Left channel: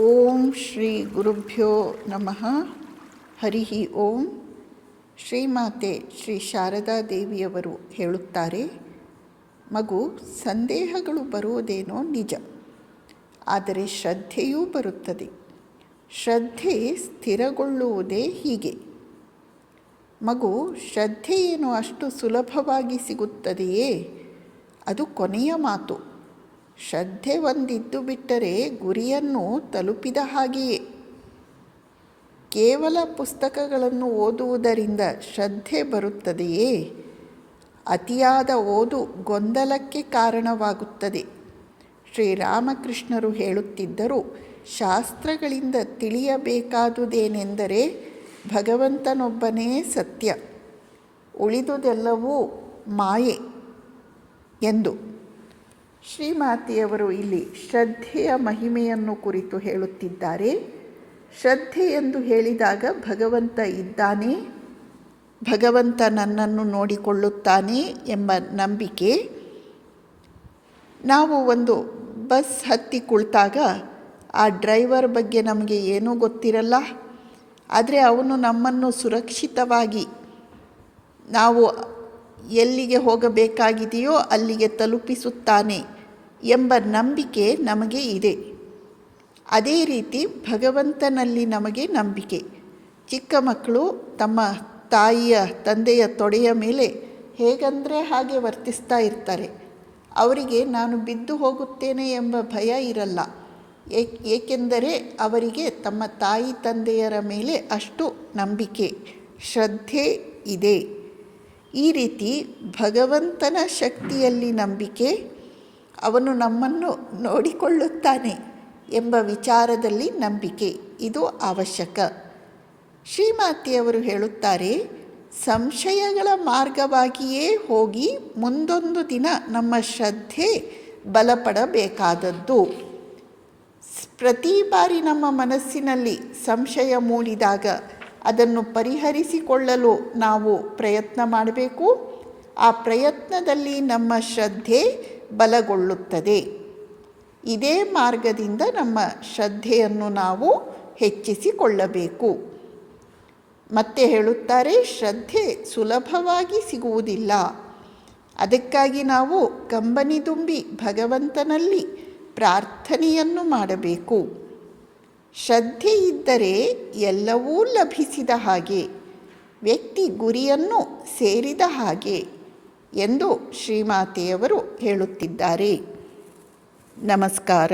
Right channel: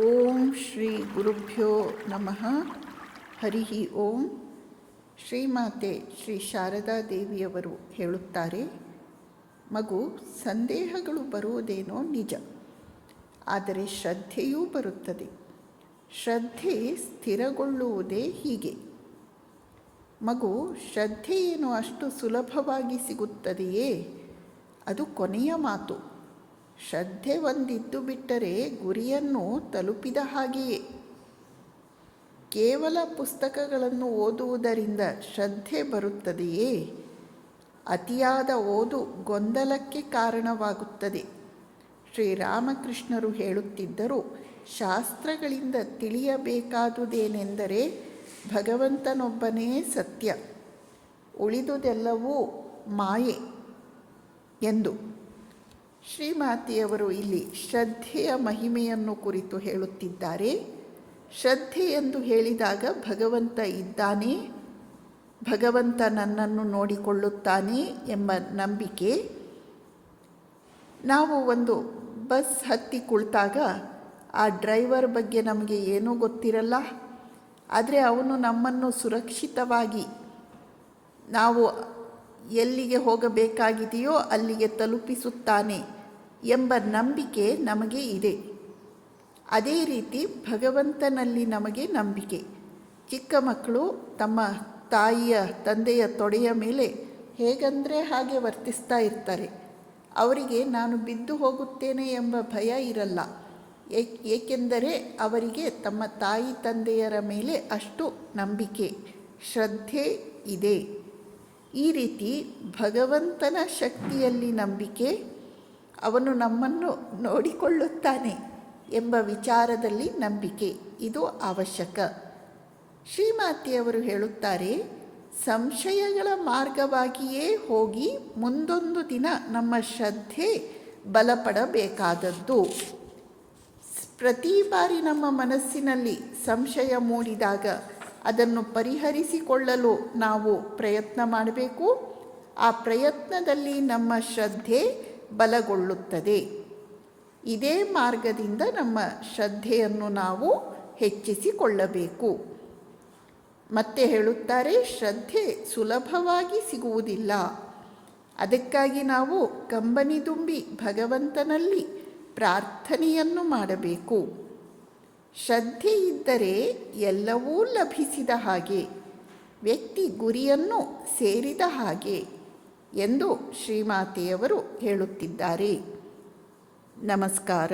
ಓಂ ಶ್ರೀ ಗುರುಭ್ಯೋ ನಮಃ. ಹರಿ ಓಂ. ಶ್ರೀಮಾತೆ ಶ್ರೀ ಶಾರದಾ ದೇವಿಯವರು ಹೇಳುತ್ತಾರೆ, ಮಗು, ಸಂದೇಹಗಳು ಬರುವುದೇನೋ ನಿಜ, ಆದರೆ ಶ್ರದ್ಧೆಯೂ ಬರುತ್ತದೆ. ಶ್ರದ್ಧೆ ಸ್ಥಿರಗೊಳ್ಳುವುದೇ ಹೀಗೆ. ಮಗು, ಶ್ರದ್ಧೆ ಏನು ಅಷ್ಟು ಸುಲಭವಾಗಿ ಸಿಗುತ್ತದೆಯೇ? ಅದು ಕೊನೆಯ ಮಾತು. ಶ್ರದ್ಧೆ ಒಂದಿದ್ದು ಬಿಟ್ಟರೆ ಗುರಿಯನ್ನು ತಲುಪಿದ ಹಾಗೆಯೇ. ಕೇವಲ ಪುಸ್ತಕಗಳನ್ನು ಓದುವುದರಿಂದ ಶ್ರದ್ಧೆ ಬರುತ್ತದೆಯೇ? ಅತಿಯಾದ ಓದು ಗೊಂದಲಕ್ಕೆ ಕಾರಣವಾಗುತ್ತದೆ. ಶ್ರೀರಾಮಕೃಷ್ಣರು ಹೇಳುತ್ತಿದ್ದರು, ಶಾಸ್ತ್ರಗಳಿಂದ ತಿಳಿಯಬೇಕಾದುದೇನೆಂದರೆ ಭಗವಂತನೊಬ್ಬನೇ ಸತ್ಯ, ಉಳಿದುದೆಲ್ಲವೂ ಮಾಯೆ ಎಂದು. ಶ್ರೀಮಾತೆಯವರು ಇಲ್ಲಿ ಶ್ರದ್ಧೆಯ ಮಹಿಮೆಯನ್ನು ಕುರಿತು ಹೇಳುತ್ತಿದ್ದಾರೆ. ಶ್ರದ್ಧೆ ಎಂದು ಹೇಳಿದಾಗ ಭಗವಂತ ಇದ್ದಾನೆ, ಭಗವಂತ ನನ್ನನ್ನು ನೋಡಿಕೊಳ್ಳುತ್ತಾನೆ ಎಂಬ ನಂಬಿಕೆ. ನಾವು ಒಂದು ಬಸ್ ಹತ್ತಿ ಕುಳಿತಾಗ ಆ ಡ್ರೈವರ್ ಬಗ್ಗೆ ನಮಗೆ ಏನೂ ಗೊತ್ತಿರಲ್ಲ, ಆದರೆ ಅವನು ನಮ್ಮನ್ನು ಸುರಕ್ಷಿತವಾಗಿ ನಾವು ಎಲ್ಲಿಗೆ ಹೋಗಬೇಕಾಗಿದೆಯೋ ಅಲ್ಲಿಗೆ ತಲುಪಿಸುತ್ತಾನೆ ಎಂಬ ನಂಬಿಕೆ ನಮಗೆ ಇದೆ. ಅದೇ ರೀತಿ ಭಗವಂತನಲ್ಲಿ ನಮಗೆ ನಂಬಿಕೆ. ಚಿಕ್ಕ ಮಕ್ಕಳು ತಮ್ಮ ತಾಯಿಯ ತಂದೆಯ ತೊಡೆಯ ಮೇಲೆ ಹೇಗಂದರೆ ಹಾಗೆ ವರ್ತಿಸ್ತಾ ಇರ್ತಾರೆ. ಅವರಿಗೆ ನಾನು ಬಿದ್ದು ಹೋಗುತ್ತೇನೆ ಎಂಬ ಭಯ ಇರಲ್ಲ, ಏಕೆಂದರೆ ಅವರಿಗೆ ತಮ್ಮ ತಾಯಿ ತಂದೆಯರ ಮೇಲೆ ಅಷ್ಟು ನಂಬಿಕೆ, ಶ್ರದ್ಧೆ ಇದೆ. ಈ ರೀತಿ ಭಗವಂತನ ಶಕ್ತಿಯಲ್ಲಿ ನಂಬಿಕೆ, ಅವನು ನಮ್ಮನ್ನು ನೋಡಿಕೊಳ್ಳುತ್ತಾನೆ ಎಂಬ ವಿಚಾರದಲ್ಲಿ ನಂಬಿಕೆ, ಇದು ಅವಶ್ಯಕ. ಶ್ರೀಮಾತೆಯವರು ಹೇಳುತ್ತಾರೆ, ಸಂಶಯಗಳ ಮಾರ್ಗವಾಗಿಯೇ ಹೋಗಿ ಮುಂದೊಂದು ದಿನ ನಮ್ಮ ಶ್ರದ್ಧೆ ಬಲಪಡಬೇಕಾದದ್ದು. ಪ್ರತಿ ಬಾರಿ ನಮ್ಮ ಮನಸ್ಸಿನಲ್ಲಿ ಸಂಶಯ ಮೂಡಿದಾಗ ಅದನ್ನು ಪರಿಹರಿಸಿಕೊಳ್ಳಲು ನಾವು ಪ್ರಯತ್ನ ಮಾಡಬೇಕು. ಆ ಪ್ರಯತ್ನದಲ್ಲಿ ನಮ್ಮ ಶ್ರದ್ಧೆ ಬಲಗೊಳ್ಳುತ್ತದೆ. ಇದೇ ಮಾರ್ಗದಿಂದ ನಮ್ಮ ಶ್ರದ್ಧೆಯನ್ನು ನಾವು ಹೆಚ್ಚಿಸಿಕೊಳ್ಳಬೇಕು. ಮತ್ತೆ ಹೇಳುತ್ತಾರೆ, ಶ್ರದ್ಧೆ ಸುಲಭವಾಗಿ ಸಿಗುವುದಿಲ್ಲ. ಅದಕ್ಕಾಗಿ ನಾವು ಕಂಬನಿದುಂಬಿ ಭಗವಂತನಲ್ಲಿ ಪ್ರಾರ್ಥನೆಯನ್ನು ಮಾಡಬೇಕು. ಶ್ರದ್ಧೆ ಇದ್ದರೆ ಎಲ್ಲವೂ ಲಭಿಸಿದ ಹಾಗೆ, ವ್ಯಕ್ತಿ ಗುರಿಯನ್ನು ಸೇರಿದ ಹಾಗೆ ಎಂದು ಶ್ರೀಮಾತೆಯವರು ಹೇಳುತ್ತಿದ್ದಾರೆ. ನಮಸ್ಕಾರ.